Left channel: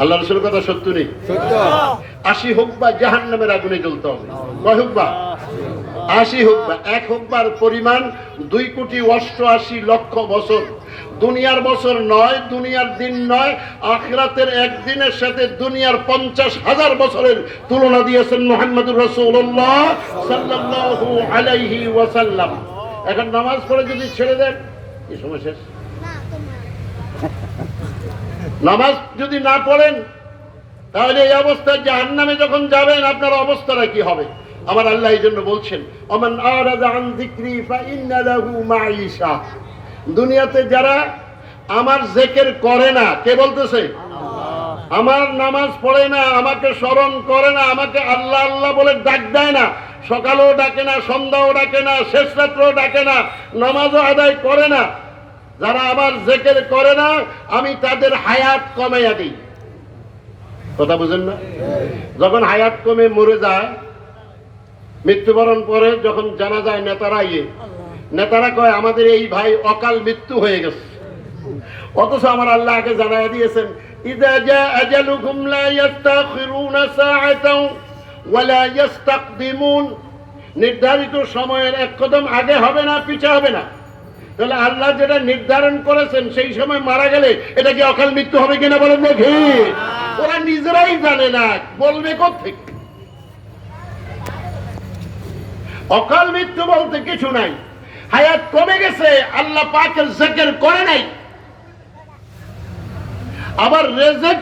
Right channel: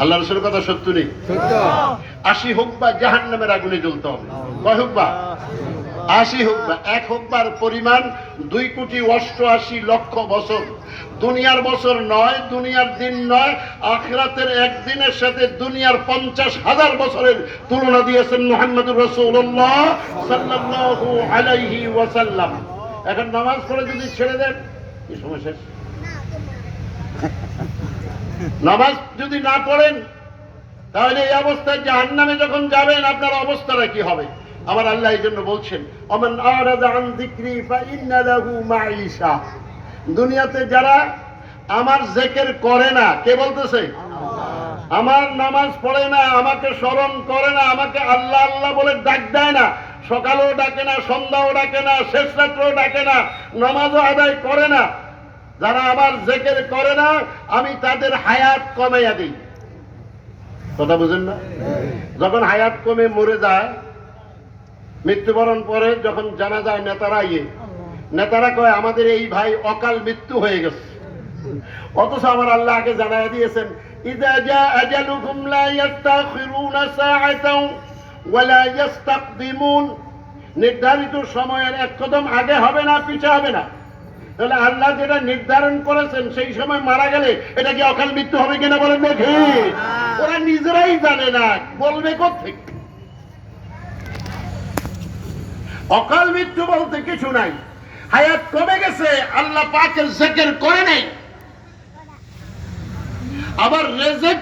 আল্লাহ রাসূলের কথা সত্য নেই? 80 হুকবা জাহান্নামের আগুনে জ্বলতে হবে। কয় হুকবা? 80 হুকবা। এক হুকবার পরিমাণ 2,88,00,000 বছর। দুনিয়ার বছর নয়, দুনিয়ার দিন নয়, আখিরাতের একদিনের সাথে দুনিয়ার 50,000 বছরের তুলনা দিয়েছেন মুহাম্মদুর রাসূলুল্লাহ সাল্লাল্লাহু আলাইহি ওয়াসাল্লাম। এখন নামাজ পড়ে যদি ছেড়ে দেন, কি সময় শেষ? নামাজ যদি না পড়েন তাহলে এই অবস্থায় জাহান্নামে যখন যাবেন আপনার অবস্থাটা কি হবে? আমার আল্লাহ এই জন্য বলছেন, ওমান আরাদা আন যিকরি ফাইন্না লাহু মাঈশা। দুনিয়াতে যারা আমার জিকির করে না, কে বলতেছে? আমার নামাজ পড়ে না, আমাকে স্মরণ করে না, আমাকে আল্লাহ আল্লাহ বলে ডাক দেয় না, সকালেও ডাকে না, সন্ধ্যাও ডাকে না, শেষ রাত্রেও ডাকে না, নামাজও আদায় করে না, যারা আমার জিকির করে না আমি তাদের হায়াত কমাইয়া দিই। কথা বুঝেন না? যখন হায়াত কমে মরে যায়, মৃত্যুবরণ করে, যখন জানা যায় নেতারা কয় আমাদের এই ভাই অকাল মৃত্যু হয়ে গেছে। অথচ আমার আল্লাহ আগে জানাইয়া দিয়েছেন, ইযা জা আজালুহুম লা ইস্তাখিরুনা সাআতাও ওয়া লা ইস্তাকদিমুন। নির্ধারিত সময়ের এক কদম আগে হবে না, পিছে হবে না। তাহলে আল্লাহ যেটা নির্ধারণ করেছেন সেই সময় মারা গেলে এটা কি অকাল মৃত্যু হবে কিনা বলেন দেখি? ওরা নিজেরাই জানে না, বলবে কোত্থেকে? অকাল মৃত্যু বলতে কিছু নাই। হায়াত কমে গেছে, আল্লাহ পাকের জিকির করে নাই। আবার রিজিক